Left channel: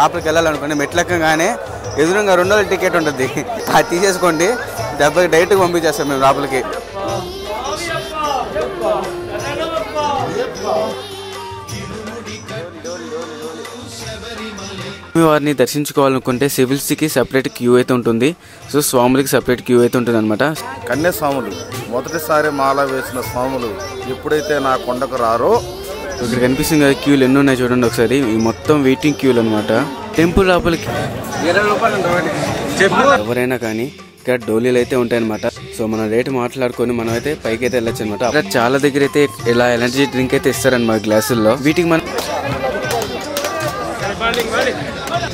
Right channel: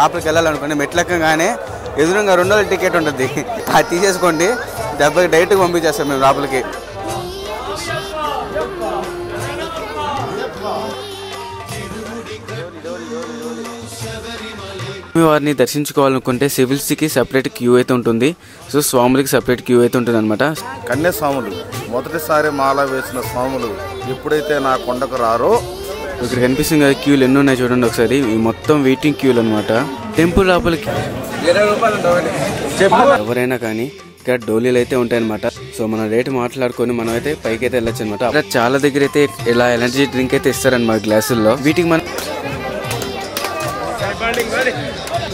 లోపలికి వెళ్ళాలనుకోండి మెట్లెక్కగానే ఎదురుగా 2 రోజుల టికెట్ ఉంటుంది, అది తీసేసుకోండి, దెబ్బకి డైరెక్ట్గా పంపించేస్తాం మేము లోపలికి. వారిని దర్శించుకోవాలనుకుంటే సివిల్స్కి సపరేట్ క్యూ అయితే ఉంటుంది, సో స్వాములకి సపరేట్ క్యూ అయితే ఉంటుంది అనమాట. కన్యాస్వాములు మొదటిసారి మాల వేసిన స్వాములు ఎప్పుడైతే నా కొండకు రారో, ఇక్కడ కనిపిస్తుంది కదా క్యూలు ఎన్ని ఉన్నాయి చూడండి ఒకసారి, ఈ మొత్తం వెయిటింగ్ క్యూలు అనమాట. టెంపుల్ లోపలికి 20 రూపాయలు ఎవరైనా కానీ ఇక్కడ డోలీలు అయితే ఉంటాయన్నమాట. సో మన రేటు మాట్లాడుకొని మనం అయితే పైకి అయితే వెళ్ళొచ్చు అనమాట. అక్కడ చాలా దగ్గర అయితే ఇలా ఎనర్జీ డ్రింక్ అయితే ఇస్తారనమాట గ్లాసుల్లో. వీటికి మనం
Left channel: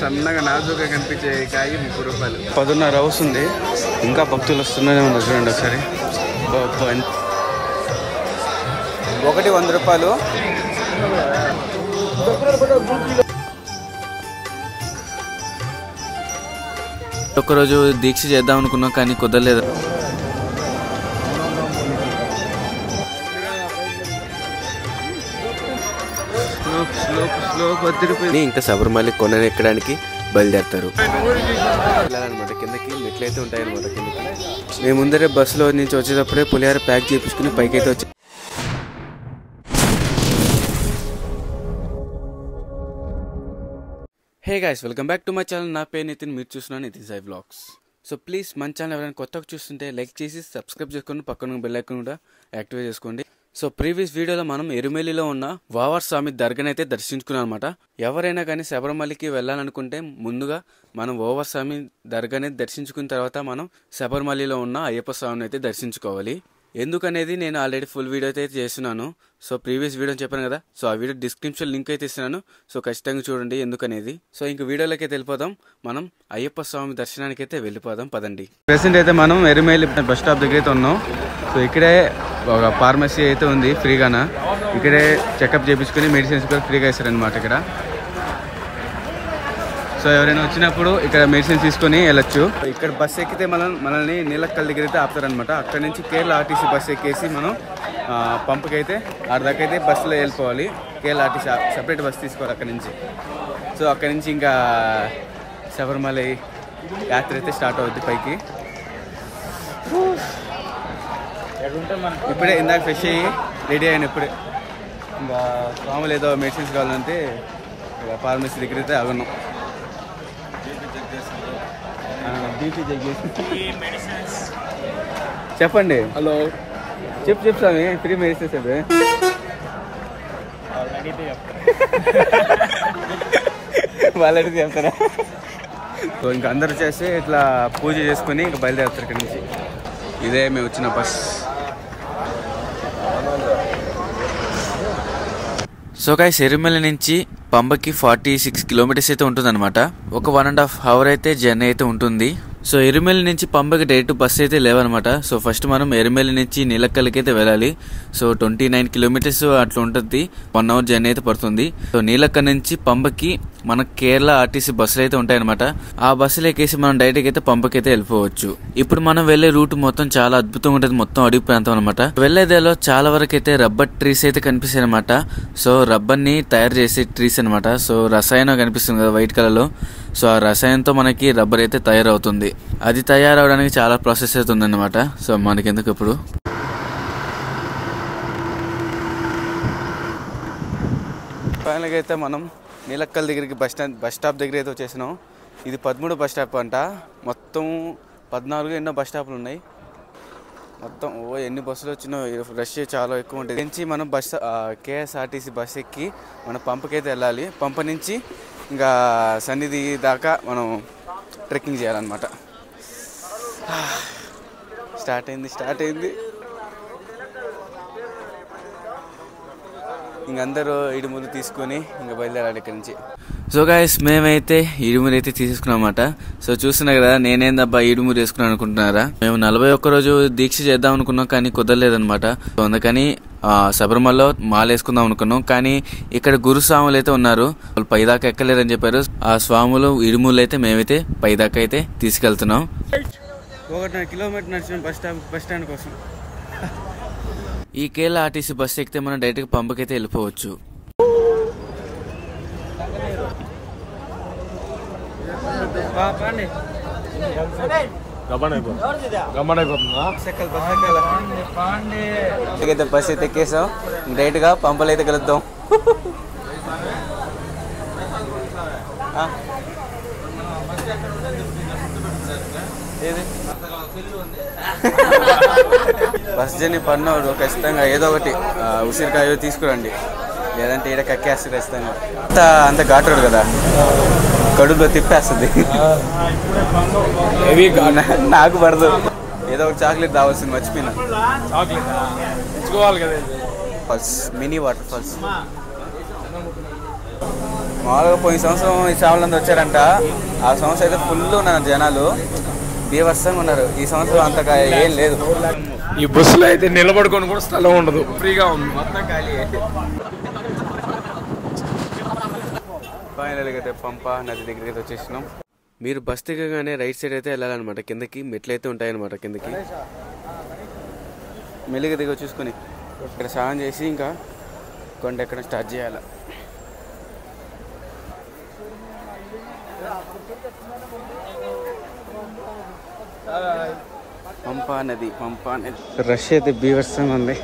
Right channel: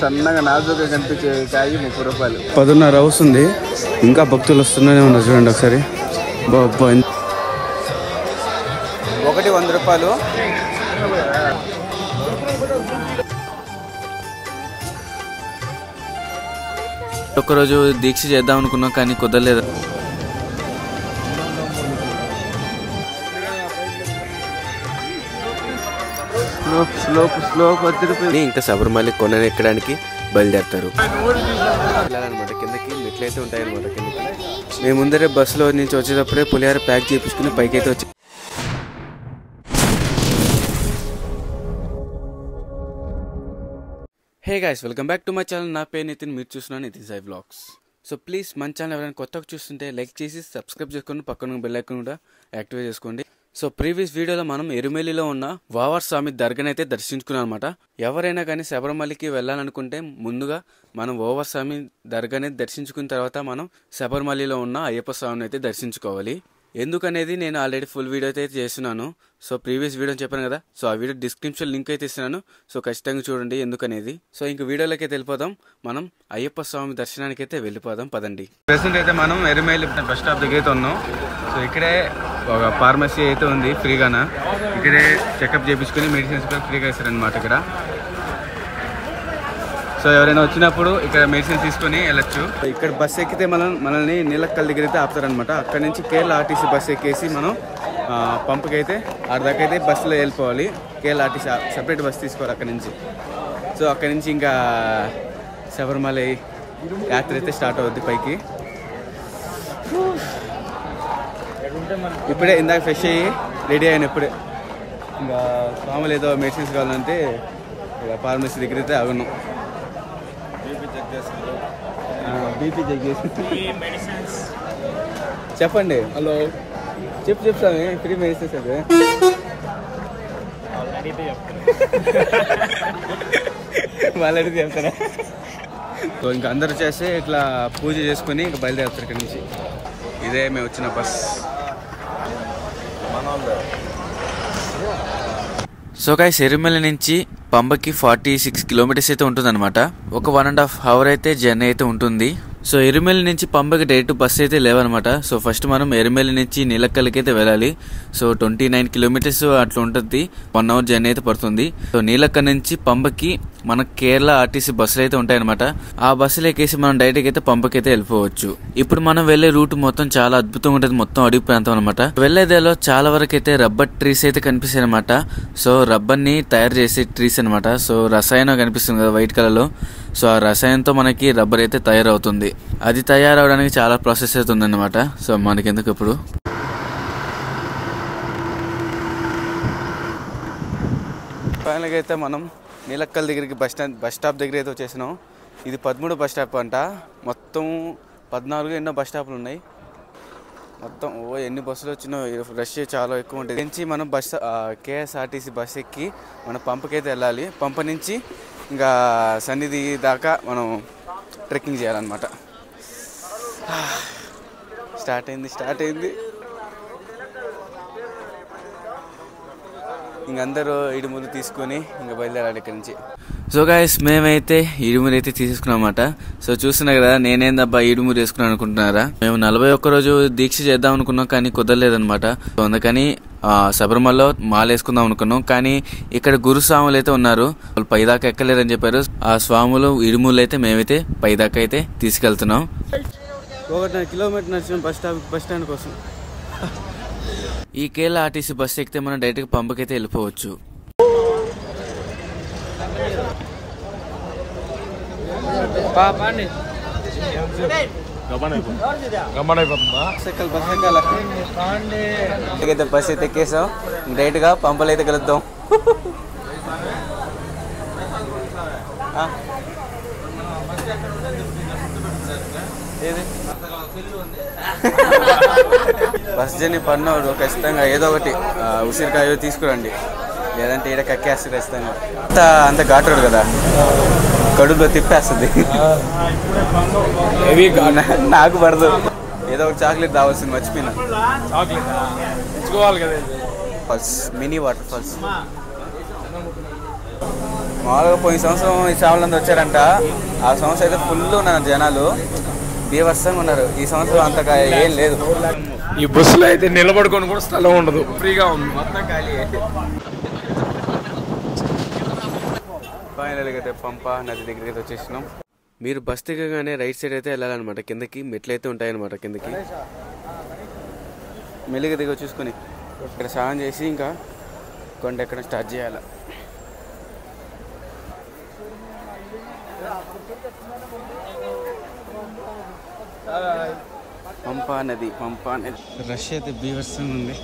సన్నగా నాజుగా కనిపించే కాయ 30 రూపాయలు. 10:30 అవుతుంది, ఇంకా భక్తులు వస్తున్నాయి ఉన్నారు చూడండి ఒకసారి. ఒకటి 100 రూపాయలు. ఒక్కరోజు దీక్ష చేద్దాం అనుకున్నాం కానీ కుదరలేదు. ఇంకా శబరిమల కొండను ఎక్కడానికి బయలుదేరుతారు వెళ్ళాలన్నమాట. కిందకి మెట్లు అయితే ఉంటాయన్నమాట. కిందకి మేము ముందరే బస్సులో నుంచి వచ్చేటప్పుడే పులిహార ప్యాక్ చేయించుకుని పైకి అయితే వచ్చి hey guys, welcome back to my channel. నా పేరు నితిన్, మీరు చూస్తున్నాను Nitin Sai vlogs. So please మన ఛానల్ ఎవరైనా కొత్తగా చూస్తుంటే లైక్ చేసి సబ్స్క్రైబ్ చేసుకొని పక్కన బెల్ ఐకాన్ కూడా యాక్టివేట్ చేసుకోండి. సో ప్రీవియస్ వీడియోలో మనం ఎరుమెలిలో ఉన్న వావర్ స్వామి దర్గాని అయితే దర్శించుకున్నాం అనమాట. ఎవరైనా కానీ శబరిమలకి వెళ్ళాలనుకుంటే ముందుగా మనం వావర్ స్వామి దర్గాని దర్శించుకున్న తర్వాత మనం శబరిమలలో ఉన్న అయ్యప్ప స్వామిని అయితే దర్శించుకోవాలి. ఎందుకనేది నేను ఆల్రెడీ ఫుల్ వీడియో అయితే చేస్తున్నాను. సో ప్రీవియస్ వీడియో చెప్పాను కదా, సో ఆ వీడియో డిస్క్రిప్షన్ లింక్ అయితే ఇస్తున్నాను. సో ఖచ్చితంగా చూడండి ఎందుకనేది. సో ఇంక వీడియోలోకి అయితే వెళ్ళిపోదాం. మనం అయ్యప్ప స్వామి దర్శనానికి అయితే వెళ్ళిపోదాం పదండి. ప్రెసెంట్ అయితే మనం ఎరుమేలి బస్ స్టాప్ దగ్గర అయితే ఉన్నాం. సో ఇక్కడే ఒక ఫార్మసీ అయితే ఉంది ఫ్రీగానా. ఇక్కడే చెకప్ చేయించుకుని మెడిసిన్స్ కూడా ఫ్రీగా ఇస్తారనమాట ఇక్కడ. సో ఎవరైనా వచ్చినప్పుడు ఇక్కడ మెడిసిన్ తీసుకొని వెళ్ళొచ్చు. ఇక్కడ బస్సు ఎక్కితే మనల్ని నీలక్కల్ దగ్గర అయితే ఆపుతారనమాట. అక్కడ నుంచి కేరళ ఆర్టీసీ బస్సు ఎక్కేసి మనం పంపుకి అయితే దాకా అయితే బస్సులో వెళ్ళిపోవాలి. కేరళ ఆర్టీసీ సపరేట్ బస్సు తీసుకోవాలి అక్కడ నుంచి. సో అక్కడ నుంచి ఇంకా శబరిమల యాత్ర అయితే స్టార్ట్ అవుద్ది పైకి. ఇప్పుడే ఇందాక ఫ్రెష్ అయ్యి రెడీ అయిన ఇప్పుడే ఇంకా స్వాములు ఏదో మెడిసిన్స్ కావాలంటే ఫార్మసీ దగ్గర అయితే ఆగున్నాం. బీపీ చెక్ చేసి చెప్పండి. హలో చెప్పు స్వామి, ఫ్రీ మెడిసిన్స్ అది వాళ్ళు అడిగితే చెప్తారా? సో ఇంకా అందరూ చేసి ఇట్లా పూజ చేసుకుని ఇంకా బయలుదేరుతారు ఇక్కడ నుంచి. ఇదే మేము వచ్చిన బస్. సో గైస్, ఎరుమెల నుంచి పంబకి 46 కిలోమీటర్స్ అయితే ఉంటుంది అనమాట. ఒక 1.5 అవర్ అయితే జర్నీ అయితే ఉంటుంది. సో ఎరుమెలి నుంచి పంబకి డైరెక్ట్ బస్సు అయితే లేవన్నమాట. సో ఫస్ట్ మనం ఎరుమెలి నుంచి నీలక్కల్కి అయితే వెళ్ళాలి. సో 29 కిలోమీటర్స్ అట్లా ఉంటుంది. 1 అవర్ జర్నీ అయితే పడుతుంది. సో నీలక్కల్ నుంచి పంబకి మన కేరళ ఆర్టీసీ బస్సులు అయితే ఉంటాయన్నమాట. ఆ బస్సులు ఎక్కేసి మనం డైరెక్ట్ అయితే పంపకి అయితే వెళ్ళిపోవచ్చు. ఇప్పుడు మనం వెళ్లే రూట్ మొత్తం చాలా అద్భుతంగా ఉంటుంది. మొత్తం అడవి ప్రాంతం అనమాట. వెళ్లేదేలో చాలా వరకు అయితే రబ్బర్ ట్రీస్ అయితే కనిపిస్తాయి అనమాట. సో రబ్బర్ ని తయారు చేసే ట్రీస్ అనమాట. సో రసాయనం కనిపిస్తుంది కదా వైట్ కలర్ లో. సో ఆ రసాయనంతో మనకి రబ్బర్ అయితే తయారవుతుంది. అది తయారవడానికి చాలా ప్రాసెస్ అయితే ఉందన్నమాట. సో మనకెందుకు ఇప్పుడు ఫైనల్ గా అయితే మనం నీలక్కల్ దగ్గరికి బస్ స్టాప్ దగ్గర అయితే వచ్చేసినాం. ఇది 13 బస్ స్టాప్ అంట. మొత్తం 14 ఎన్నో బస్ స్టాప్లు ఉన్నాయి. మొత్తం ఎన్ని బస్సులు వచ్చినా రష్ చాలా ఎక్కువ ఉంటుంది. నుంచి మనం కేఎస్ఆర్టీసీ బస్ ఎక్కి మనం పంపకైతే వెళ్ళాలి. పంప నుంచి ఇంకా సన్నిధి దాకా మనం ట్రెక్కింగ్ చేయాలన్నమాట. స్టార్ట్ అయింది. ఇంకందరూ ఇడుములు తీసుకొని ఇంకా బయలుదేరాలి ఇక్కడ నుంచి. సో గైస్, మేమైతే ఇడుములు అయితే తీసుకున్నాం అన్నమాట. సో చూస్తున్నా కదా, నేనేందబ్బా ఇడుములు వేసుకున్నాను అనుకుంటున్నారా? మేము 41 రోజు దీక్ష చేద్దాం అనుకున్నాం కానీ కుదరలేదన్నమాట. సో అందుకని శబరిమలలో మాల వేసుకుందాం అనుకున్నాం. కానీ ఇక్కడ గురుస్వాములు అయితే ఉన్నారు, వాళ్ళు పైదాకా ఎక్కలేదని చెప్పారు. ఆ స్వాములు ఇడుములు అయితే మేమైతే పైదాకా అయితే తీసుకెళ్తున్నాం. 1.5 కిలోమీటర్ నడిచిన బస్ స్టాండ్ కోసం. ఈ కేరళ ఆర్టీసీ బస్సు ఎక్కితే మనం డైరెక్ట్గా పంపకైతే వెళ్ళిపోవచ్చు. బస్ అయితే ఎక్కేసాం, డైరెక్ట్ గా పంపలు అయితే కలుద్దాం. బస్ జర్నీ పడినవాడు ఖచ్చితంగా ఏదో ఒకటి ఉసిరికాయ తీసుకురండి, లేదంటే ఈడ కక్కేస్తుంది ఖచ్చితంగా. అంత ఘాటు కదా, కడుపులో తిప్పేస్తుంది. నాకు పడదు, ఏదో ఒక చాక్లెట్ రావాల్సింది, మర్చిపోయినా. Falls, mini waterfalls. మామూలుగా పోయిన సంవత్సరం ఈ చావలంతా వచ్చారంట, ఆ సంవత్సరం అయితే ఫుల్ ఉన్నారు జనాలు, బీభత్సంగా ఉన్నారు. ఈ సంవత్సరం అంతగా ఏం లేదు. ఈ బస్సులో అయితే నిలబడుకొని కూడా స్థలం ఉండదు, ఫ్రీగా ఉంది, మొత్తం ఖాళీ. ఫైనల్గా అయితే పంప నది దగ్గరికి అయితే వచ్చేసినాం. మీరు బస్ దిగగానే రైట్ సైడ్ అయితే వెళ్ళాలన్నమాట, కిందకి మెట్లు అయితే ఉంటాయన్నమాట. కిందకి మెల్లిగా దిగ చూసుకొని ఇక్కడ స్నానం చేసి ఇంకా కొండ ఎక్కడ స్టార్ట్ చేయాలి. పంపా నది, పంపా నది రష్ అయితే బీభత్సంగా ఉంది.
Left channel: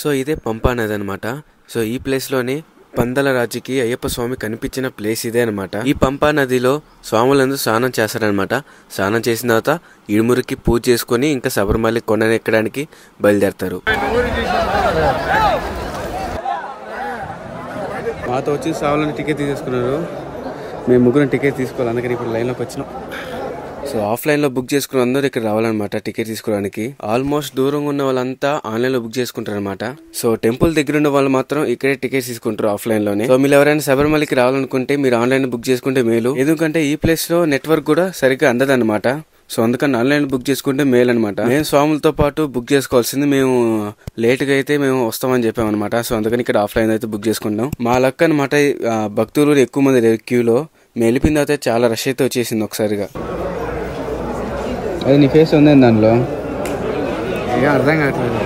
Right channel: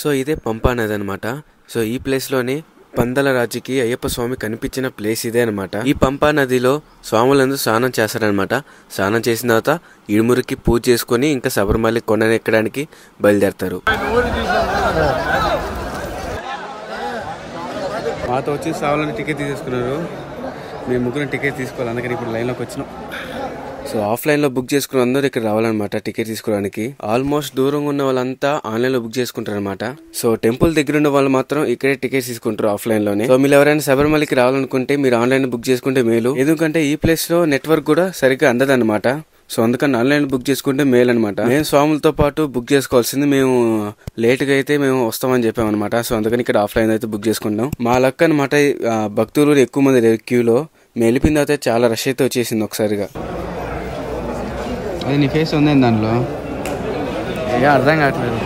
సో ఇదే పంపా నది అనమాట. సో ఈ ప్లేస్లోనే పందల రాజుకి అయ్యప్ప స్వామి కనిపించిన ప్లేస్ ఇదే అనమాట. ఈ పంపా నదిలో స్వాములందరూ స్నానం చేస్తారనమాట. స్నానం చేసిన తర్వాత ఇడుమురికి పూజ చేసుకుని ఇంకా శబరిమల కొండను ఎక్కడానికి బయలుదేరతారు. మాతో వచ్చి స్వాములని టికెట్ తీసేసుకున్నారు. మేము ముగ్గురు టికెట్ తీసుకోవాలి, అందుకని ఇప్పుడు లైన్లోకి వచ్చినాం. సో ఆఫ్లైన్లో బుక్ చేసుకున్న అందరూ ఇక్కడ రావాలన్నమాట టికెట్ తీసుకోవడానికి. ఆల్మోస్ట్ దూరంగా ఉన్న వాళ్ళంతా ఆన్లైన్లో బుక్ చేసుకుంటారు అనమాట. సో టెంపుల్ దగ్గర ఉన్న వాళ్ళు మాత్రం ఇక్కడే టికెట్ తీసుకుంటారు ఆఫ్లైన్లోనే. సో మీరు ఎవరైనా శబరిమలకి రావాలనుకుంటే మీరు ఆన్లైన్ బుక్ చేసుకుంటే మేలు, ఎందుకంటే ఈ ప్లేస్ లో నెట్వర్క్ కూడా సరిగ్గా అందదన్నమాట. సో అందుకని ఆన్లైన్ బుక్ చేసుకుంటే మేలు అనమాట. మేము స్వాములతో పాటు బుక్ చేసుకోవాల్సింది, మేము లేట్ గా అయితే మేము వస్తామని చెప్పామన్నమాట. సో అందుకని ఇక్కడ ఆఫ్లైన్ అయితే బుక్ చేసుకుంటాం. మా లక్ అనమాట, భక్తులు ఎక్కువ మంది క్యూలో. మేము వెళ్ళిపోయిన తర్వాత చాలా రష్ అయితే వచ్చేసింది ఒకసారిగా. అది నీ ఫేస్ ఉంది దానిలో, ఇక అర్థం కావట్లేదు.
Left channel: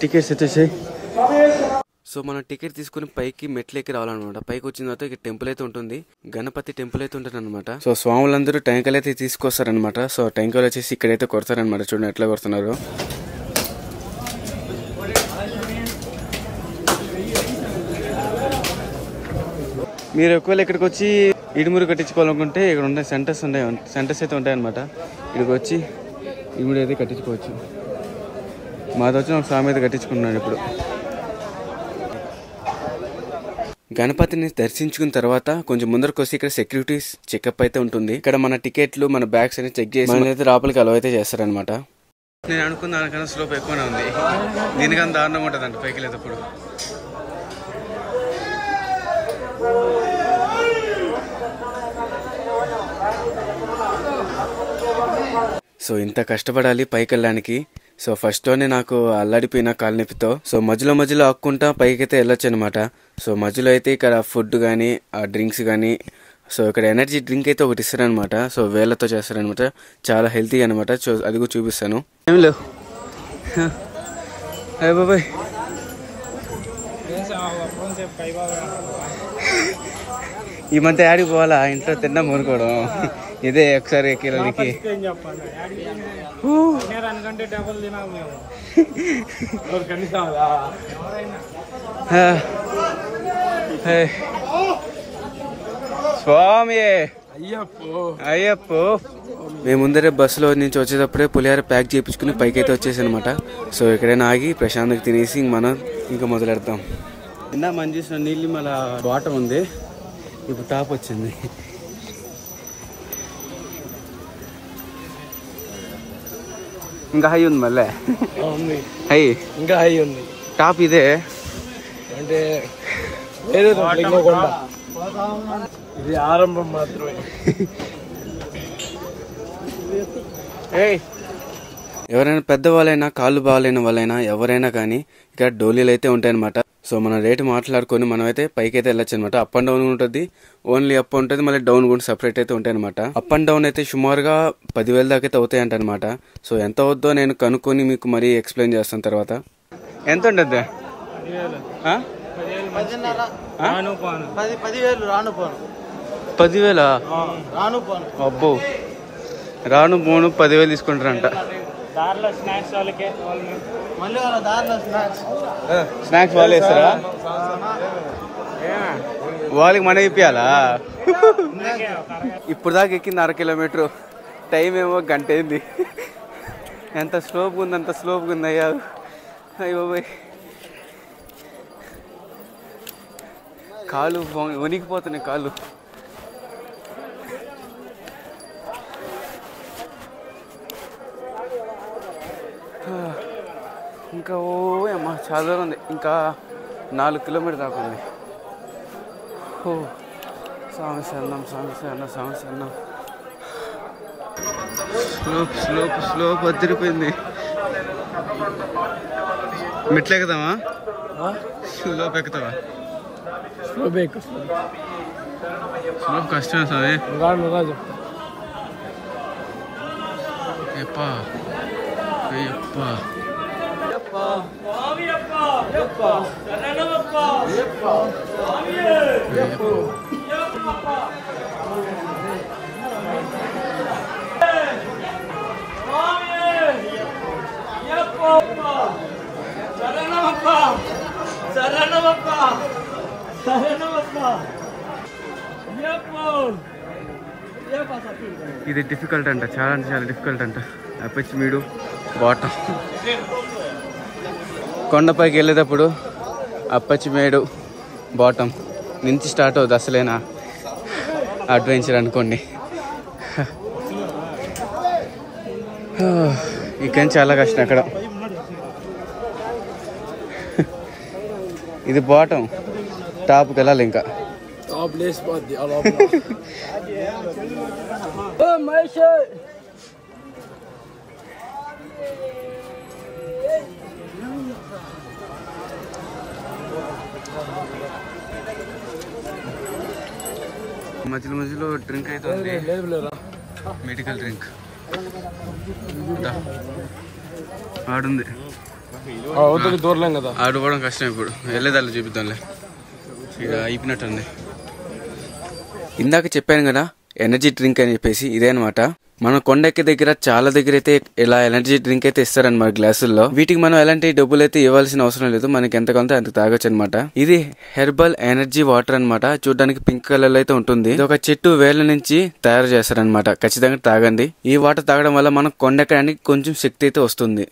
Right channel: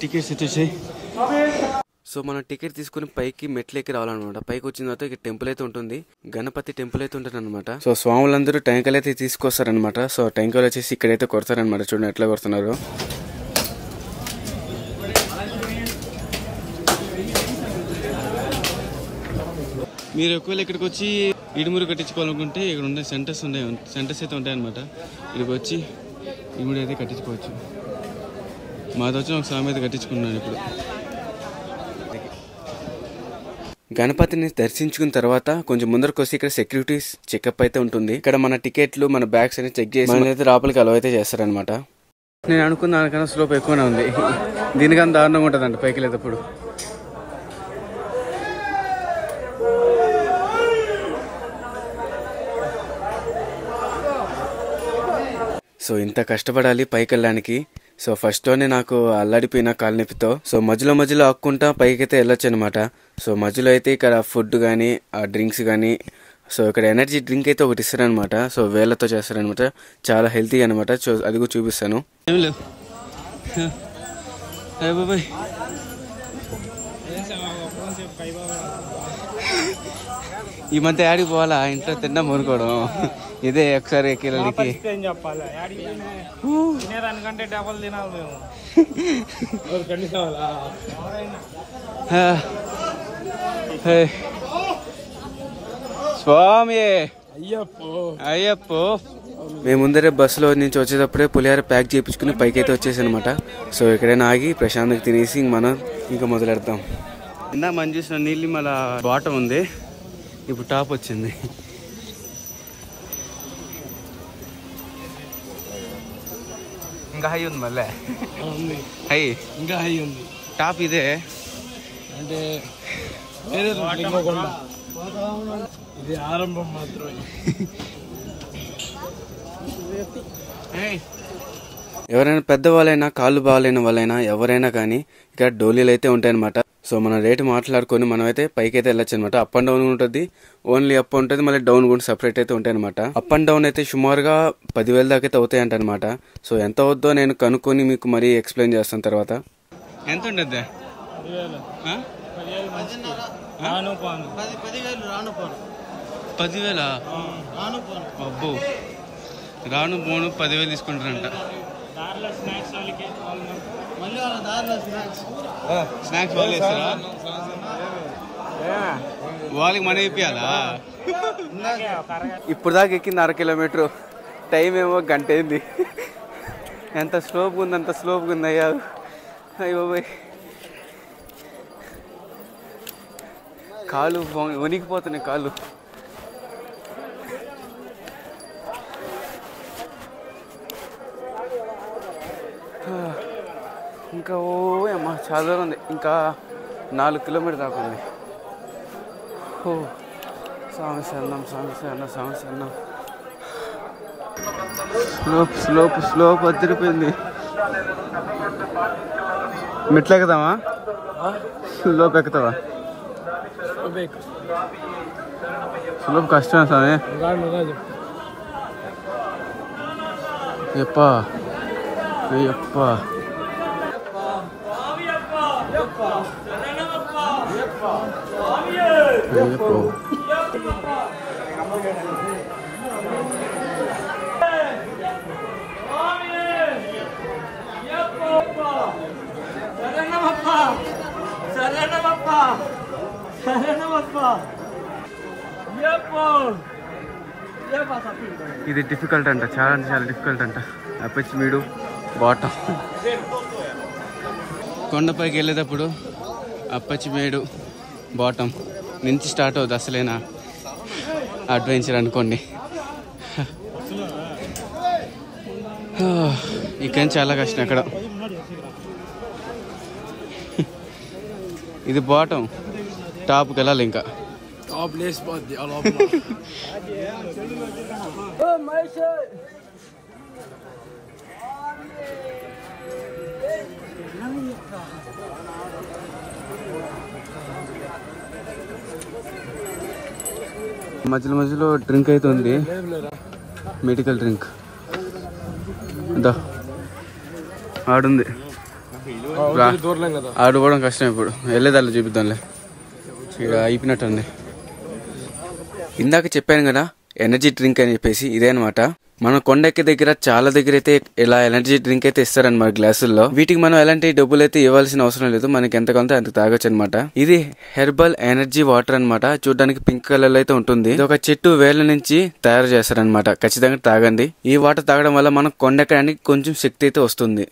టికెట్స్ వచ్చేసాయి. సో మనం టికెట్ తీసుకుని పైకి మెట్లు ఎక్కి రావాలన్నమాట. పైకి వచ్చిన తర్వాత ఇక్కడ టెంపుల్ అయితే ఉంటుంది, గణపతి టెంపుల్ అయితే ఉంటుంది అనమాట. సో స్వాములందరూ టెంకాయలు అయితే తీసుకొస్తారనమాట. సో టెంకాయలు వచ్చేసి ఇక్కడైతే కొడతారనమాట. చూడండి ఎట్లా కొడుతున్నారు. మీరు ఒకవేళ ఇక్కడికి వచ్చి ఇడుమురు కట్టించుకోవాలనుకుంటే ఇక్కడ ఉండే సెంటర్స్ అయితే ఉంటాయన్నమాట. ఇక్కడికి వచ్చి ఇడుమురు అయితే కట్టించుకోవచ్చు. మాది వచ్చి ఒక స్వామి అయితే కట్టించుకున్నాను ఇప్పుడు. గణపతిని దర్శించుకున్న తర్వాత కొంచెం ముందరకు వస్తే ఇక్కడ సెక్యూరిటీస్ చెకప్ అయితే ఉంటుంది. ఇక్కడ మన టికెట్లు, మన బ్యాగ్స్ అని చెక్ చేసి అయితే లోపలికి అలవ్ అయితే చేస్తారనమాట. నేను అనుకున్న దానికన్నా స్లోప్ ఎక్కువనే ఉంది, దీనికన్నా దారుణంగా ఉంటుందంట పైకి లేదప్పుడు. సో ఇంత కష్టపడాలి పైకి వెళ్ళడానికి. సో ఫస్ట్లోనే నాకు అల్లాడిపోయిన కాలు నొప్పితో. సో మధ్యలో ఆక్కుంటా పైకి అయితే వెళ్ళొచ్చు అనమాట. సో మధ్యలో అయితే ఇక్కడ ఫుడ్ కానీ ఆ డ్రింక్స్ కానీ, సో ఇక్కడ ఎనర్జీ డ్రింక్ అయితే ఒకటి ఇస్తారనమాట. సో వేళ్ళతో చేస్తారనమాట, చాలా హెల్తీ అనమాట. సో అది కూడా చూపిస్తాను. ఏం లేవు బాబాయ్, ఈ మధ్య యాడికి పోవాలా, ఇంత తిన్నా మునుకోవడం ఇదే ఒకసారి కిలోకి. స్వామి అయ్యప్పో. మేము ముందరే బస్సులో నుంచి వచ్చేటప్పుడే పులిహార ప్యాక్ చేయించుకుని పైకి అయితే వచ్చేసి అనమాట. సో ఎక్కడైనా ఆగి ప్రశాంతంగా తినేసి మనం ఇంకా మొదలెడతాం. ఇందా మనం చూసిన నీళ్ళు మళ్ళీ బాటం ఉంది, ఇప్పుడు టాప్ వచ్చింది. ఇంకా హై ఉంది, మళ్ళీ హై ఇంకా హై ఉంది. టాప్ ఇదే అంటే ఇది ఆరంభం మాత్రమే. ఎవరైనా పెద్దవాళ్ళైనా కాళ్ళు బాగాలేని వాళ్ళైనా ఎవరైనా కానీ ఇక్కడ డోలీలు అయితే ఉంటాయన్నమాట. సో మన రేటు మాట్లాడుకొని మనమైతే పైకి అయితే వెళ్ళొచ్చు అనమాట. అప్ అండ్ డౌన్ ఉంటుంది, ఓన్లీ అప్ ఉంటుంది, మళ్ళీ డౌన్ కూడా సపరేట్ అయితే ఉంటాయి అనమాట. అప్ అండ్ డౌన్ అయితే సుమారుగా 10,000 దాకా అయితే అవుతాయి అంట అనమాట. సో ఎంత అవుద్దో నేను కనుక్కొని మీకు మరీ ఎక్స్ప్లెయిన్ చేస్తాను తర్వాత. ఎంత ఉంటుంది? 10,000 10,000 అబ్బో రాను పోను 10,000 తీసుకుంటారంట. స్నాక్స్ వాళ్ళు వేస్తారా? వాళ్ళకి మన ఇప్పియాలా? ఇప్పుడు దాకా ఎక్కింది 1/2 కిలోమీటరు, టైం ఏమో గంట అయింది. ఎంత స్లోప్గా ఉంది, అంత స్లోప్గా ఉంది. అయ్యో కాళ్ళు వణికిపోతున్నాయి కాళ్ళు. ఇంకా అమ్మా చాలా దూరం ఉంది, ఇంకా 4 కిలోమీటర్ దాకా ఉంది. సమస్య అన్నం స్లోప్ వదిలిపోయింది. మెట్లు ఎక్కుదామా? స్లోప్ ఎక్కుతావా? స్లోప్ కష్టం స్వామి. అయ్యప్ప ఇది డిఫికల్ట్ అంట, చాలా అంటే చాలా డిఫికల్ట్ అంట. అప్పచ్చి మీడు బాటం. కొండపైకి వెళ్ళేటప్పుడు అప్పచ్చిమేడు బాటం నుంచి స్టార్ట్ అవుతుంది అసలేనా అడ్వెంచర్ అనుకోండి. ఇక్కడ చాలా కష్టం. అక్కడ ఇది బాటం, టాప్కి వెళ్ళాలి. ఇంకా మధ్యలో డ్రింక్ అయితే ఉంది, మెడికల్ డ్రింక్. ఆడుంది, ఆడుకోవడం కష్టం. ఇప్పుడు వెళ్ళేదాన్ని చూపిద్దాంలే. ఇక అయిపోయినట్టుంది. ఇందాక చెప్పాను కదా ఎనర్జీ డ్రింక్ అని చెప్పేసి, ఇదే అనమాట. మన కొండెక్కి దగ్గర చాలా దగ్గర అయితే ఇలా ఎనర్జీ డ్రింక్ అయితే ఇస్తారనమాట గ్లాసుల్లో. వీటికి మనం ఎలాంటి డబ్బులు అయితే ఇవ్వాల్సిన అవసరం లేదు, మనకి ఎంత కొంత అంత తాగొచ్చు అనమాట. ఇది హెర్బల్ ఎనర్జీ వాటర్ అనమాట. చూడడానికి పింక్ కలర్ లో అయితే ఉంటుంది. ఇది ఒక చెట్టు వేళ్ల నుంచి తయారు చేస్తారనమాట. ఖచ్చితంగా తాగండి. ఈ వాటర్ తాగడం వల్ల మనం కొండెక్కడానికి కొంచెం శక్తి అయితే వస్తుంది.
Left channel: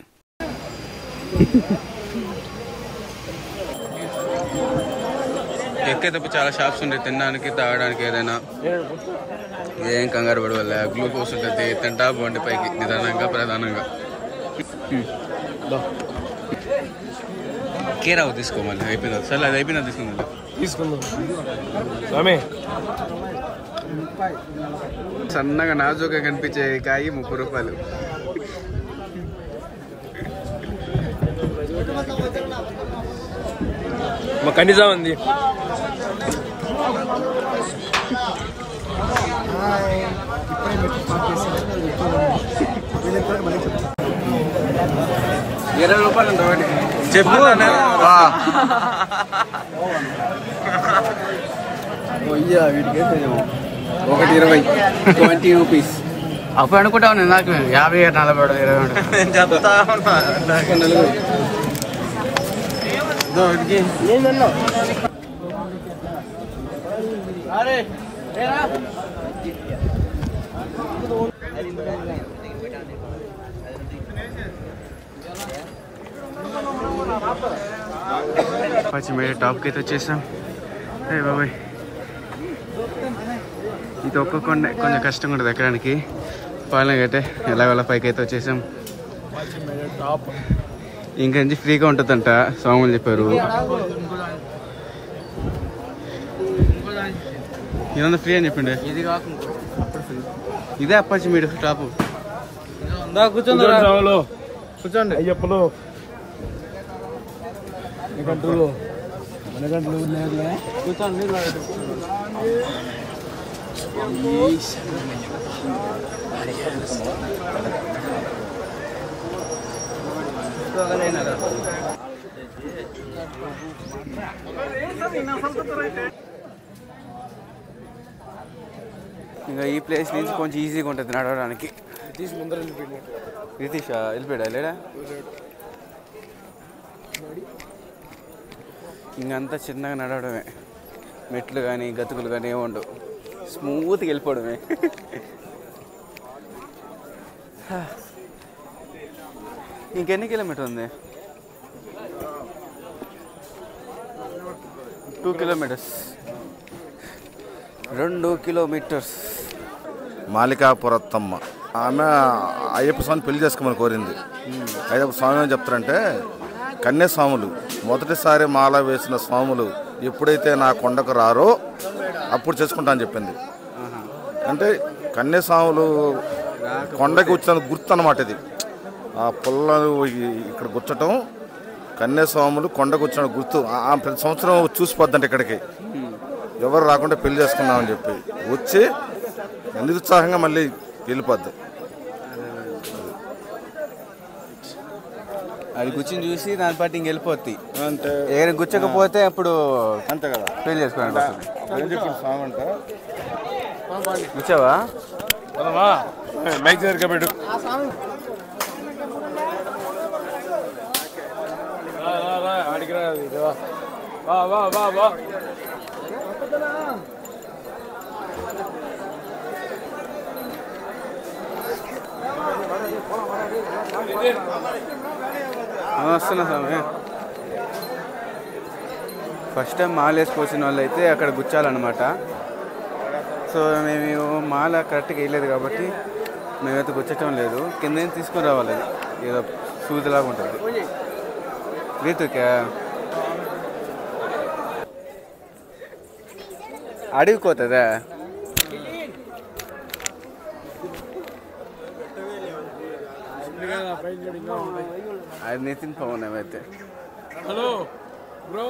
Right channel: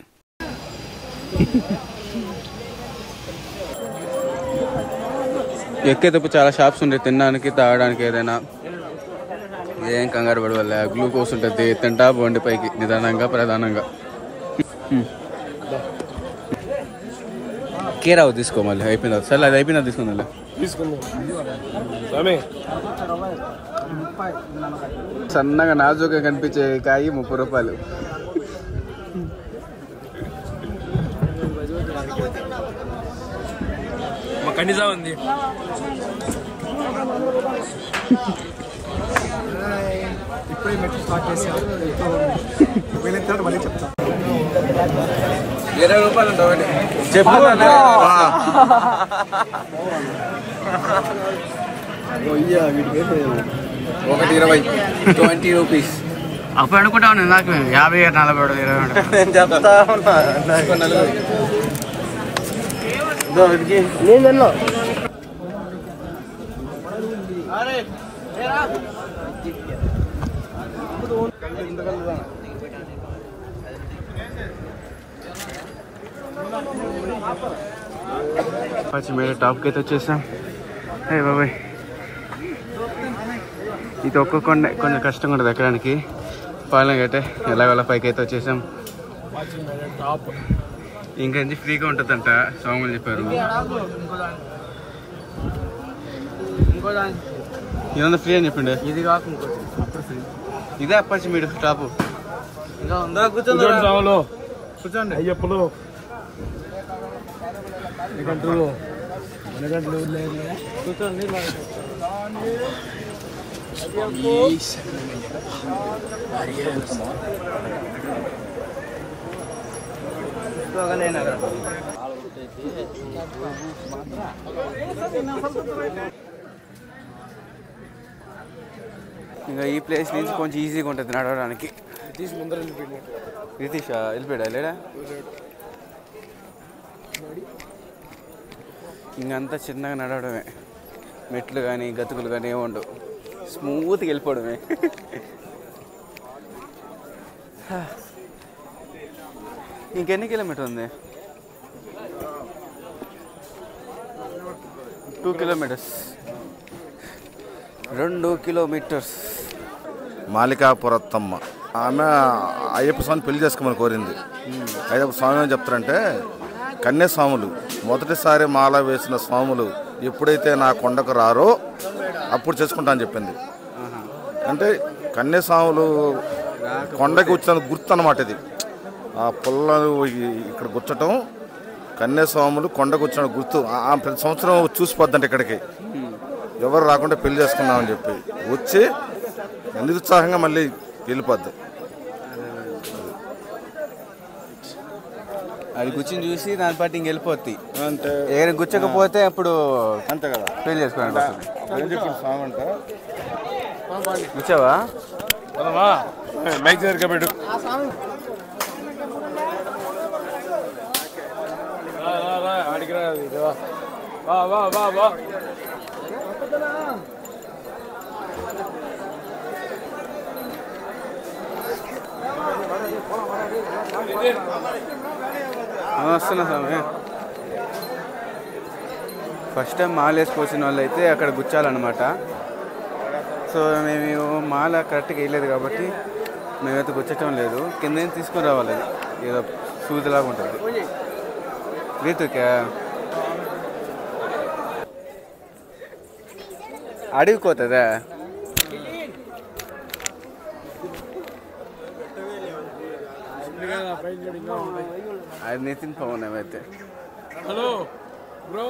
ఎక్కేటప్పుడు చాలా షాప్స్ ఉంటాయి, తినడానికి తాగడానికి. ఏదైనా ఏం కంగారు పడవల్ల గ్లూకోజ్ ఉంటుంది, తింటా బండి పైకి నిదానంగా ప్రధానంగా. కేరావు తీసుకో, మళ్ళీ అయిపోయింది. సరే అది అయిపోయినా తీసుకుందా సన్నగా నాజుగా కనిపించే కాయి 30 రూపాయలు. కనీసా ఉంది. ఇప్పుడే మెట్లు స్టార్ట్ చేశాను. మళ్ళీ చెప్తాను. 20 రూపాయలు ఉంటుంది చెప్పు. వీటికి 1 20 రూపీస్. అప్పుడు అనుకుంటా ఉన్నాను నాకు 50, 40, 20. పచ్చిమేర టాప్కి అయితే వచ్చేసాం. అయ్య బాబాయ్, ఇది ఒక్క కొండ కొంచెం కష్టంగా ఉంటుంది ఎక్కడానికి. పాలనగా అయితే ఎలాగోలా పైకి అయితే వచ్చేసాం. ఇంకా ఫ్రీగా ఉంటుందంట స్వాములు చెప్పారు. ఏమన్నా ఫ్రీ అని చెప్పండి. ఇదే అప్పాచి మీరు టాపు. కూర్చోండి అయ్యప్పలు. ఇంకా ఈ ప్లేస్ నుంచి కొంచెం ఈజీగా ఉంటుంది నడవడానికి. ముందర వెళ్ళిపోయింది. రితీష్ వెళ్ళిపోయాడా లేడా? ఇంకంతా చిన్నగా నడవడమే, మెట్లు కానీ గతుకులు కానీ ఏముండవు, స్మూత్గా వెళ్ళిపోవడమే. ఇంకెన్ని కిలోమీటర్ ఉంది? 2 కిలోమీటర్స్. 2 కిలోమీటర్స్. మాలికాపురత్తమ్మ ఆమె అయ్యప్ప స్వామిని పెళ్లి చేసుకోమని కోరింది. అయ్యప్ప స్వామి ఏం చెప్తారంటే, కన్యాస్వాములు మొదటిసారి మాల వేసిన స్వాములు ఎప్పుడైతే నా కొండకు రారో అప్పుడు చేసుకుంటా అని చెప్పింది. అంటే కన్యాస్వాములు కొండకి వచ్చిన గుర్తు అన్నమాట ఇది. ఆ పుల్లను ఇక్కడ గుచ్చటం కన్యాస్వాములు కొండకు వచ్చిన గుర్తు. ప్రతి సంవత్సరం చూసిపోద్దంటే ఇక్కడికి ఎవరు రాకుండా పెళ్లి చేసుకున్నామని చెప్పి వచ్చి నిరుత్సాహంగా మళ్ళీ వెళ్ళిపోద్ది. అది గుచ్చిని చూసి దాని పాటు ఇంక వెళ్ళిపోద్ది. అంటే ఏదైనా గుచ్చకపోతే అప్పుడు అంతే కదా పెళ్లి చేసుకోండి. ఏం చెప్పిన స్వామి అంటే, గుచ్చావా? మైక్ దగ్గర పెట్టు. ఆడికి రా. వస్తున్నా స్వామి. ఫస్ట్ టైం మాల వేసుకొచ్చిన వాళ్ళు అయితే అక్కడ గుచ్చాలన్నమాట. సో మేము మాల కరెక్ట్గా వేయలేదు కాబట్టి మేమైతే గుచ్చటం లేదు. కింద తీసుకొని రావాలి, అది ఏదో సూదిలాగా ఉంటుంది. రీతుకా అడిగిపోతుందా? అది నితిన్ పవన్ ఏమైతే. Hello bro.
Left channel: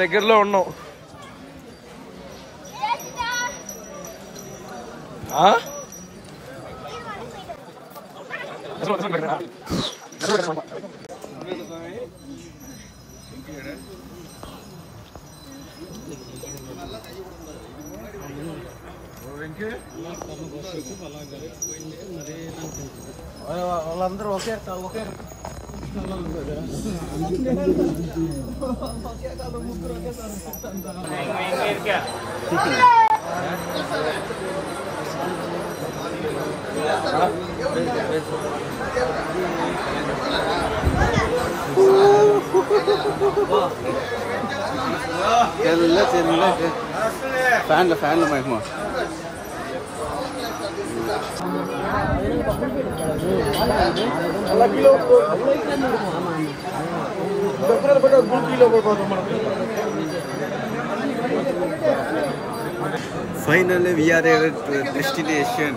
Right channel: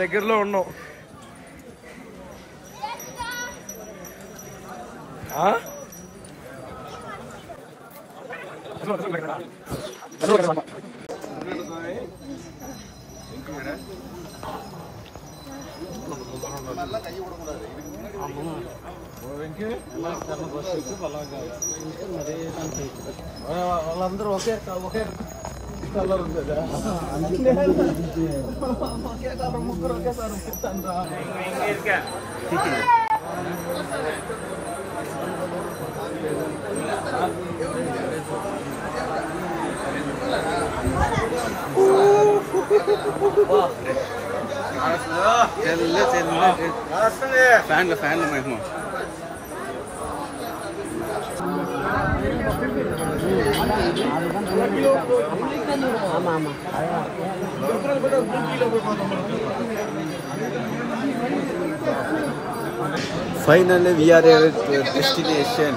దగ్గరలో ఉన్నావు. వాళ్ళందరూ ఒకే కలర్ ఉంది కదా, ఒకే కలర్ ముగ్గురు ఒకేసారి ఫ్యాన్లు మహిమ. Finally we are at destination.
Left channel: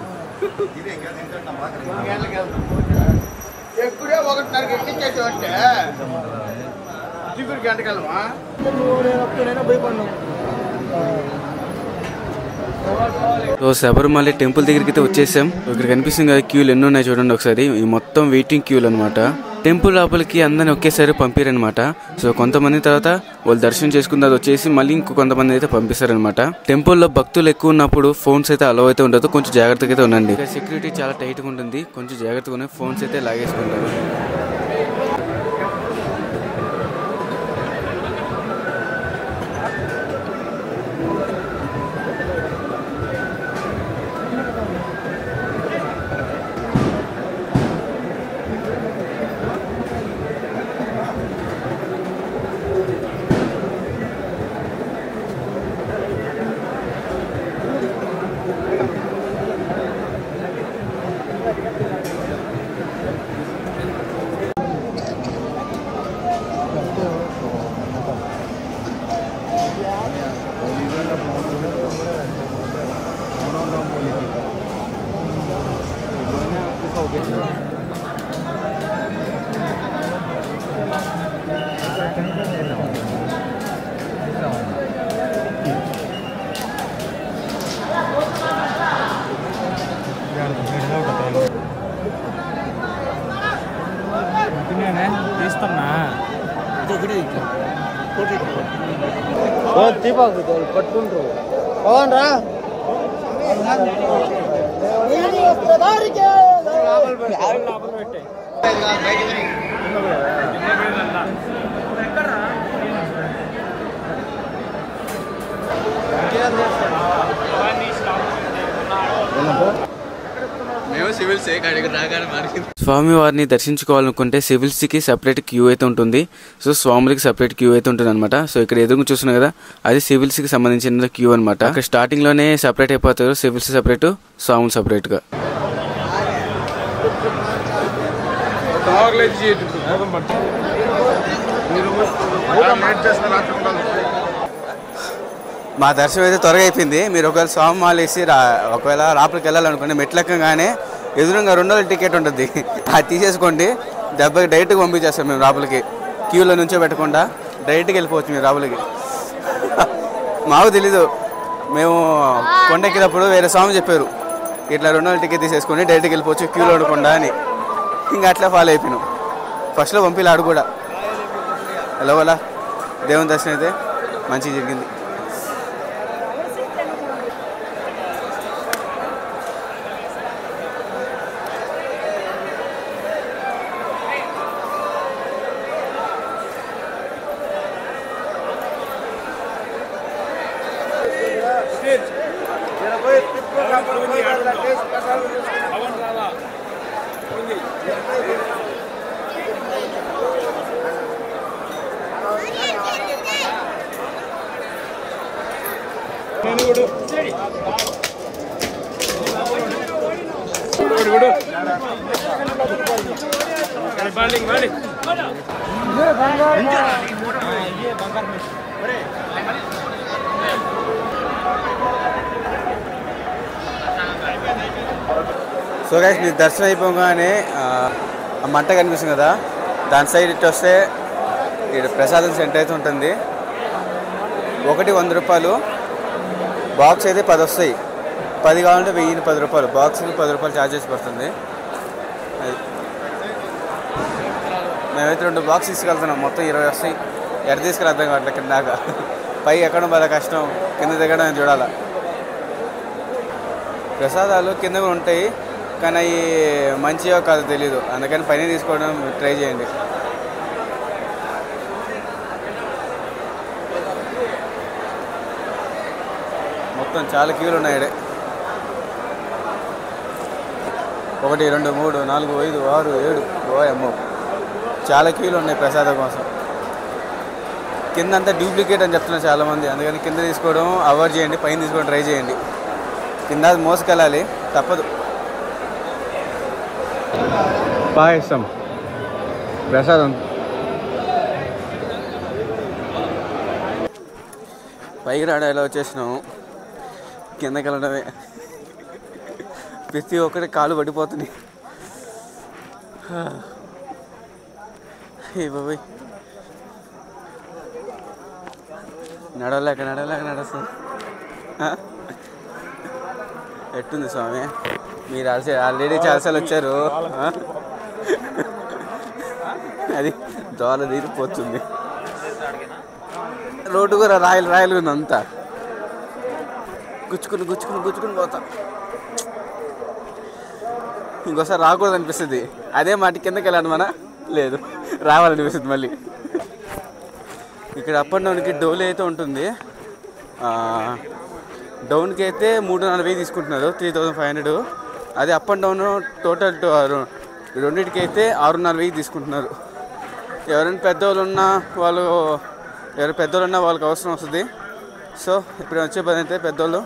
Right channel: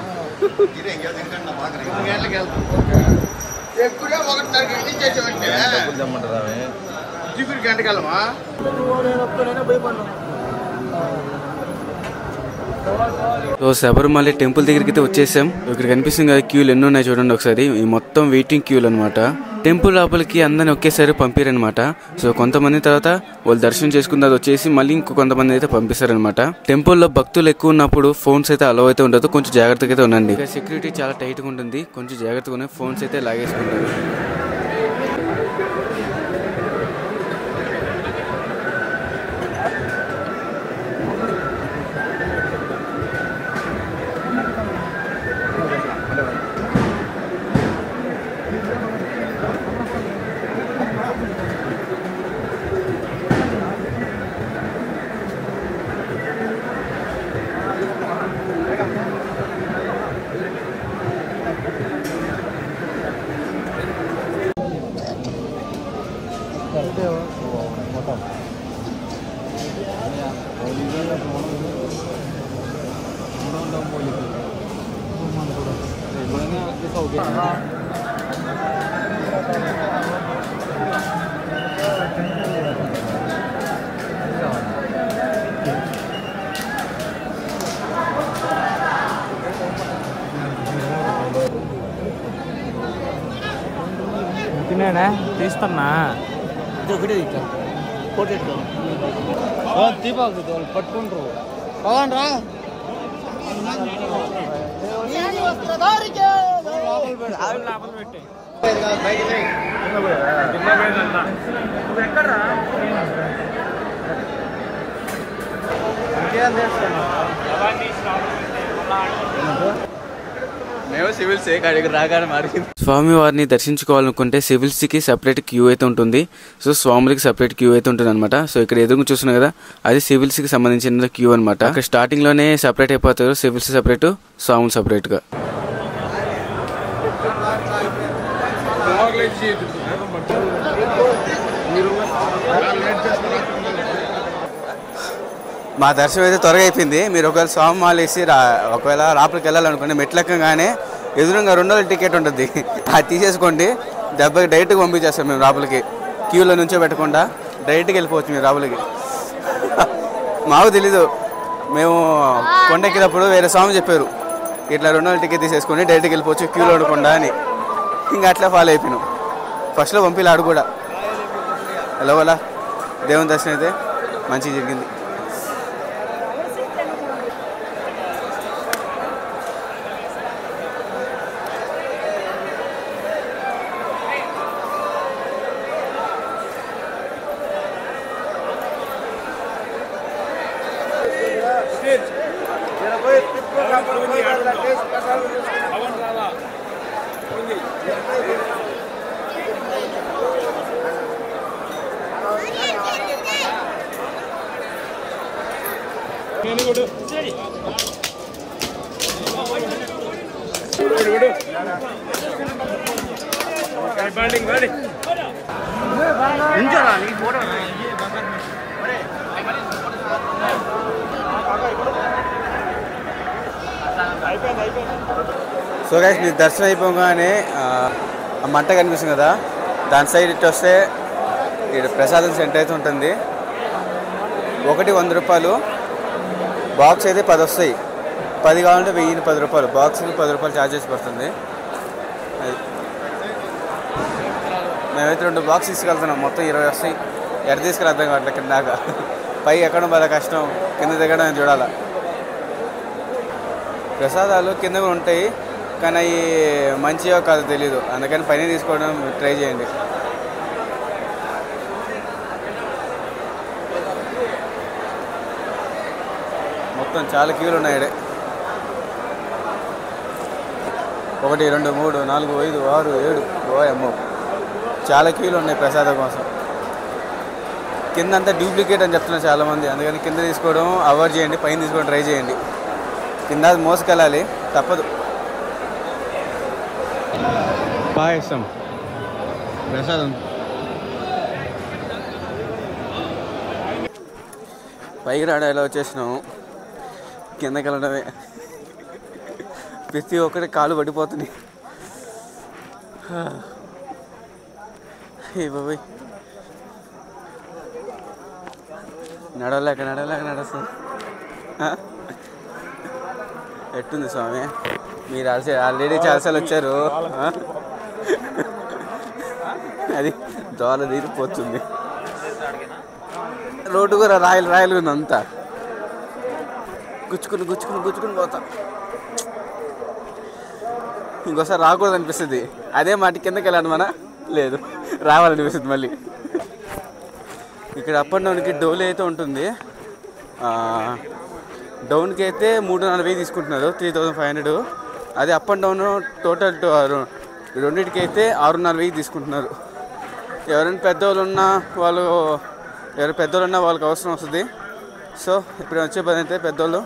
So Sabarimala temple దగ్గరికి అయితే వచ్చేసాం. ఇక్కడ కనిపిస్తుంది కదా క్యూలు ఎన్ని ఉన్నాయి చూడండి ఒకసారి. ఈ మొత్తం వెయిటింగ్ క్యూలు అనమాట. టెంపుల్ లోపలికి అందరిని ఒకేసారి పంపిరనమాట. సో కొంతమంది తర్వాత వాళ్ళు దర్శనం చేసుకున్న తర్వాత వచ్చేసి మళ్ళీ ఇంకో కొంతమంది అయితే పంపిస్తారనమాట. టెంపుల్లో భక్తులు ఎక్కువ ఉన్నప్పుడు ఫోన్స్ అయితే అలవ్ అయితే ఉండదు, కొంచెం జాగ్రత్తగా అయితే ఉండండి. సెక్యూరిటీ చాలా టైట్గా ఉంటుంది, కొంచెం జాగ్రత్తగా ఉన్నాయి. ఫోన్స్ అయితే లాగేసుకుంటారు. నేనే తీస్తున్నా పట్టుకుంటారు పోదండ్రా మేము సివిల్స్ అడిగి రాగానే మారింది. స్వామి వారిని దర్శించుకోవాలనుకుంటే సివిల్స్కి సపరేట్ క్యూ అయితే ఉంటుంది. సో స్వాములకి సపరేట్ క్యూ అయితే ఉంటుంది అనమాట. సో ఇక్కడ ఎదురు చూస్తున్నాం కదా, అది సివిల్స్కి సంబంధించిన క్యూ అనమాట. అక్కడ స్టార్టింగ్లోనే సపరేట్ అయిపోతారు, సివిల్స్ సపరేట్, స్వాములు సపరేట్గా. మా దర్శనం అయితే త్వరగా అయిపోయింది. మీరు ఒకవేళ స్వామి మాల వేసి ఒకవేళ రాపలికి వెళ్ళాలనుకోండి, మెట్లెక్కగానే ఎదురుగా 2 రోజుల టికెట్ ఉంటుంది, అది తీసేసుకోండి. దెబ్బకి డైరెక్ట్గా పంపించేస్తాం మేము రాపలికి. క్యూలో నుంచో పెట్టకుండా డైరెక్ట్గా వెళ్ళిపోవచ్చు మీరు రాపలికి. మాకు తెలీదు, మేము కొండెక్కినప్పుడు వేరే స్వామి చెప్పారు, ఇట్లా 2 రోజుల టికెట్ తీసేసుకొని డైరెక్ట్గా వెళ్ళిపోవచ్చు క్యూలో ఉండకుండా అని. ఇంకా అట్లా ఫాలో అయిపోయినాం. ఫస్ట్లో పంపిలాడు కూడా లోపల దేవుని దర్శనం అయితే మంచిగా జరిగింది. సో గైస్, మీరు దర్శనం అయిపోగానే ఆ మంట కనిపిస్తుంది కదా, దాని సైడ్ ఇటు వస్తే ఇక్కడ ప్రసాదం సెంటర్ అయితే ఉంటుంది. ఒకటి 100 రూపాయలు, బాక్స్ అయితే 10 వస్తాయి. 10 కావాలంటే 1010 రూపాయలు, బాక్స్కి 10 రూపాయలు ఛార్జెస్ పడుతుంది. అది మేమైతే 2 బాక్స్ తీసుకెళ్తున్నాం, మొత్తం 20 వస్తాయి. ఎక్కడ తీసుకెళ్ళి అర్థం కావట్లేదు. కింద దాకా పై ఎక్కడం బాగా కష్టం, కింద దిగడం చూడాలి. ప్రసాదాలు కింద ఉంటాయి, కానీ అవి మంచిగా కాదు తెలీదు, అందుకని పైన తీసుకోవడం ట్రై చేయండి. మొత్తం చాలా క్యూలు ఉన్నాయి. 1 2 3 4 5 6 7 ఓయమ్మో, చాలా క్యూలు ఉన్నాయి ప్రసాదం కోసం. కింద అంతా డూప్లికేట్ అని చెప్తున్నారు చాలామంది, అందుకని కింద తీసుకోవడం అవాయిడ్ చేయండి, పైన తీసుకోవడం ట్రై చేయండి. కింద మోసుకెళ్ళాలి, తప్పదు. బాగా ఇష్టం ప్రసాదం. పైకి రావడం ఎలా వచ్చేసినాము, కిందకి వెళ్ళడమే. ప్రతి ఒక్కటి కాలు పడిపోతుంది. ఏ బాబోయ్, నడవలేక నడుస్తుంది. ఎట్టుంది స్వామి, మీరు ఆల్రెడీ చాలాసార్లు వచ్చారు, అది దోల తీరిపోతుంది. రోడ్డు కూడా రాయలు ఉంది, అంతా గుచ్చుకుని పోతా. ఇంకోసారి రాకూడదు అనిపిస్తుంది. అదే మాట కిందకి వెళ్ళాను మన లేదు, రావాలనిపిస్తుంది మళ్ళీ. ఇక్కడ అప్ అండ్ డౌన్కి డోలీ అయితే ఉంటుంది. డౌన్కి అయితే 340 తీసుకుంటున్నారు, 3500. అదే అప్ అండ్ డౌన్ టోటల్ రెండింటికి అయితే 640 తీసుకుంటున్నారు. ఎవరైనా పెద్దవాళ్ళు ఉన్నా వాళ్ళకి అవసరం వస్తుంది. సో ఇప్పుడు వచ్చే పని అయితే పెద్దవాళ్ళు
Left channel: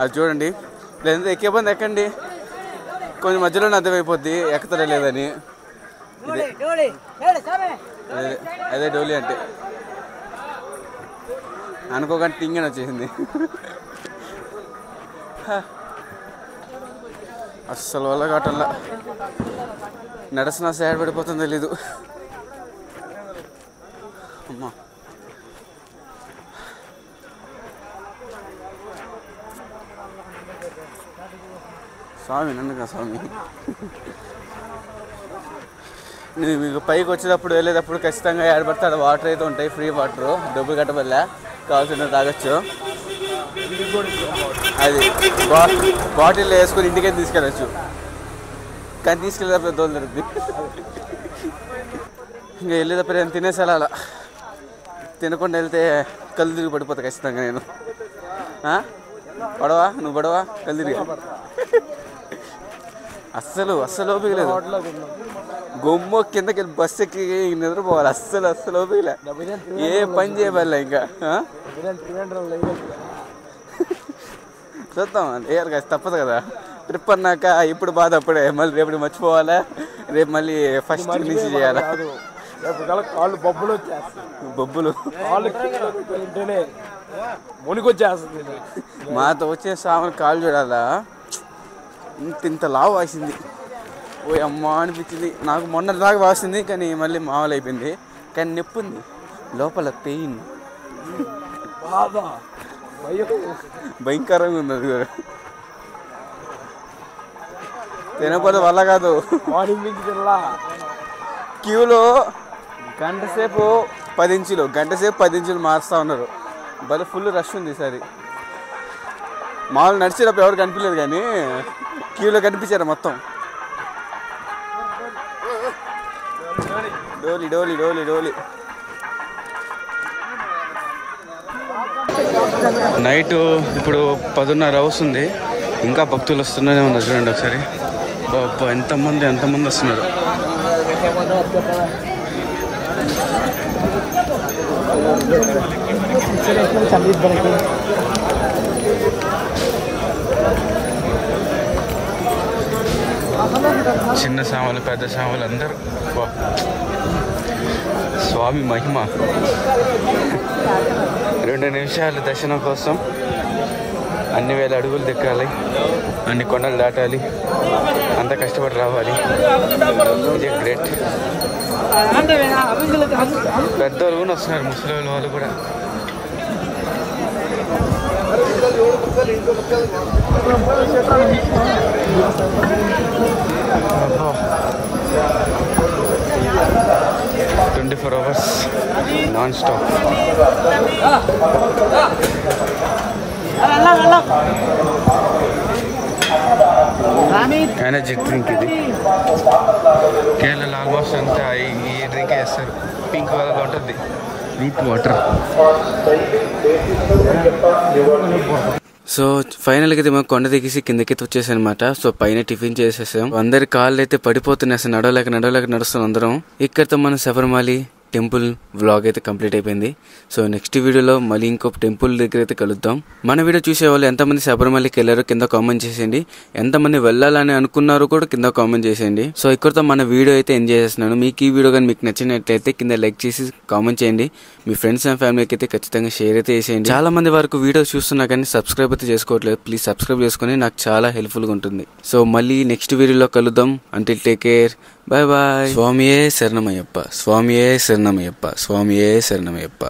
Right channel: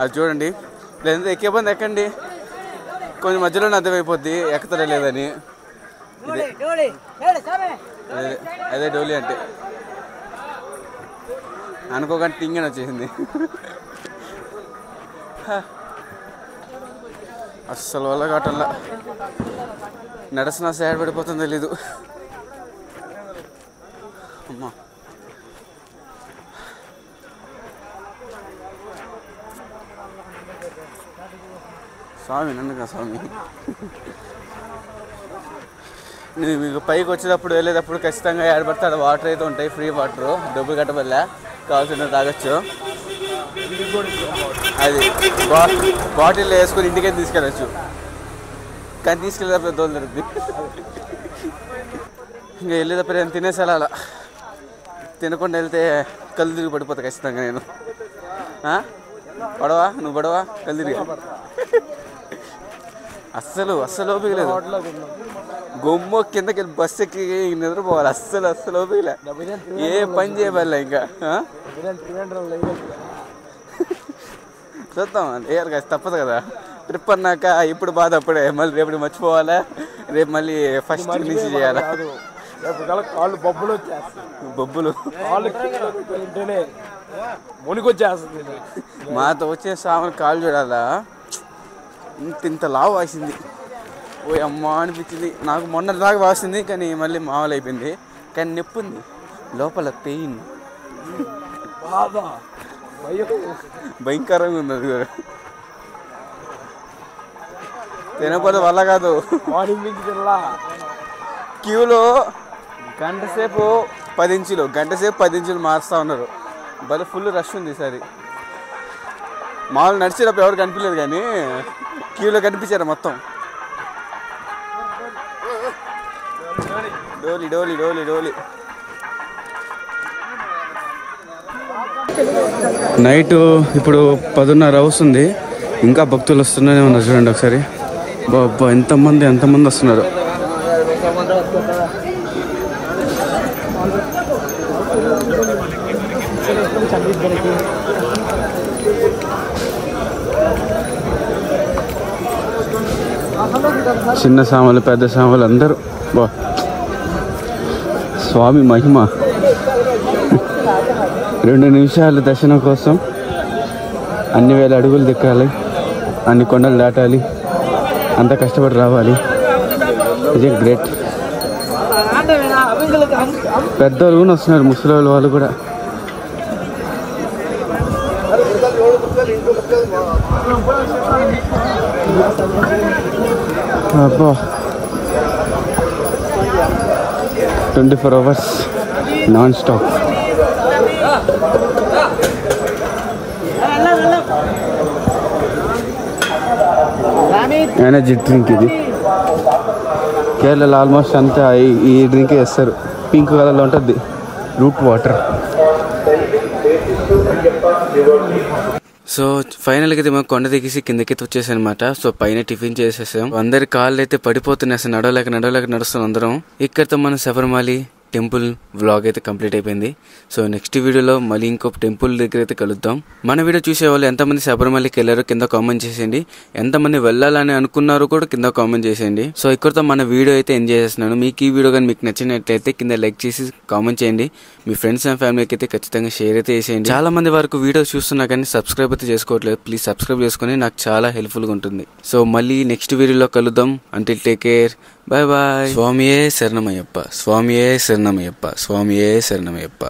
అది చూడండి. లేదంటే ఎక్కే బంది ఎక్కండి, కొంచెం మధ్యలోనే అర్థమైపోద్ది ఎక్కుతారా లేదని. అదే డోలీ అంటే. అనుకోకుండా టింగని వచ్చేసింది. అస్సలు వల్ల కావటంలా, నడసిన సైడ్ పడిపోతుందో తెలీదు. అమ్మా స్వామి నన్నుగా స్వామి. నేను మీకు పైకి వచ్చేటప్పుడు వెళ్ళేటప్పుడు ఖచ్చితంగా ఏడబడతాడు వాటర్ అయితే ఉంటాయి, ఫ్రీ వాటర్, డబ్బులు కట్టబడలే, కావాల్సిన తాగొచ్చు. అది బాటిల్ వేసుకొని ఇంటికైతే తీసుకెళ్ళచ్చు, కానీ తీసుకెళ్ళేటప్పుడు దోలు దొరుకుతుంది. ఇంకా వెళ్ళేటప్పుడు నేను తినేసాను, అలా తినకుండా వెళ్తే కళ్ళు తిరిగి పడిపోతా ఖచ్చితంగా. నేను పడవా, నువ్వు పడవా కళ్ళు తిరిగి. అస్సలు ఓపిక లేదు. గొమ్మ కిందకి వెళ్ళి బస్సు ఎక్కి నిద్రపోవాలి. అస్సలు ఓపిక లే, ఏ పని చేయబడలే ఇంకా. చూద్దాం ఏర్ కాదు, తప్పదు కదా. ట్రిప్ అన్నాక ఇప్పుడు బాధ అప్పుడే, మళ్ళీ రేపు మర్చిపోవాలా, రేపు మళ్ళీ ఫస్ట్ నుంచి చేయాలా. కాళ్ళు బొబ్బులు బొబ్బులు మునికొచ్చేస్తుంది. మాతో వచ్చే సామాన్ కాళ్ళు చూడాలా, ఇంత లావు వాసింది. ఓ అమ్మ అనిపించింది నాకు. మొన్న దాకా వాసింది, కానీ మళ్ళీ మామూలు అయిపోయింది. కానీ నొప్పి ఉంది లోపల, పెయిన్ భయంకరంగా ఉంది. అది కూడా తినకపోతే వల్ల కాదు. క్యూలో గంటసేపు 10 ఇంచులు మారుస్తూ ఉన్నారు. భలే ఫుల్ రష్ ఉంది ఈసారి. మామూలు నడిచేటప్పుడు ఎవరు కనిపించలేదు, కానీ క్యూలో కనిపించారు మొత్తం. డోలీ డోలీ డోలీ డోలీ. నైట్ ఇప్పుడు 10:30 అవుతుంది, ఇంకా భక్తులు వస్తూనే ఉన్నారు. చూడండి ఒకసారి, ఎంతమంది వస్తున్నారు. చిన్న సామాన్లు, పెద్ద సామాన్లు అందరూ. స్వామి మహిమ. 2 నిమిషాలు దర్శనం కోసం అన్ని వేల అడుగులు దిక్కాలి, అన్ని కొండలు దాటాలి, అంత కష్టపడి రావాలి. ఇది గ్రేట్. పెద్దలు కూడా వస్తున్నారు, ముసలి వాళ్ళు కూడా. అబ్బా 24 hours non stop. Energy drink ఇది. కేరళలో ఆల్మోస్ట్ అంతా ఈ డ్రింక్ వేస్తారు. పింక్ కలర్లో ఉంటుంది, రూట్ వాటర్. సో ఫైనల్గా అయితే మేము కొండ దిగేసి కిందకి వచ్చేసాం అనమాట. సో పైన టిఫిన్ చేసేసాం. అందరి కాళ్ళు అయితే పడిపోతున్నాయి, అసలు నడవలేక నడుస్తున్నాం అందరం. ఇక్కడితో మన శబరిమల టెంపుల్ వ్లాగ్ అయితే కంప్లీట్ అయిపోయింది. సో నెక్స్ట్ వీడియోలో మళ్ళీ ఇంకొక టెంపుల్ దగ్గర అయితే కలుద్దాం. మన వీడియో చూసే వాళ్ళు ఎంతమంది శబరిమలకి వెళ్ళారో కింద కామెంట్ చేసేయండి. ఎంతమంది వెళ్ళాలని అనుకున్నారో కూడా కింద కామెంట్ చేసేయండి. సో ఇక్కడతో మన వీడియో అయితే ఎంజాయ్ చేస్తున్నాను. మీకు ఈ వీడియో కానీ మీకు నచ్చినట్లయితే కింద లైక్ చేసి కామెంట్ చేయండి. మీ ఫ్రెండ్స్ అండ్ ఫ్యామిలీకి అయితే ఖచ్చితంగా షేర్ అయితే చేసేయండి. చాలా మంది వరకు వీడియో చూస్తున్నా కానీ సబ్స్క్రైబ్ అయితే చేసుకోవట్లేదు. ప్లీజ్ సబ్స్క్రైబ్ చేసుకుని నాకు చాలా హెల్ప్ఫుల్గా ఉంటుంది. సో మళ్ళీ నెక్స్ట్ వీడియోలో కలుద్దాం. Until take care, bye bye. స్వామియే శరణమయ్యప్ప, స్వామియే శరణమయ్యప్ప, స్వామియే శరణమయ్యప్ప.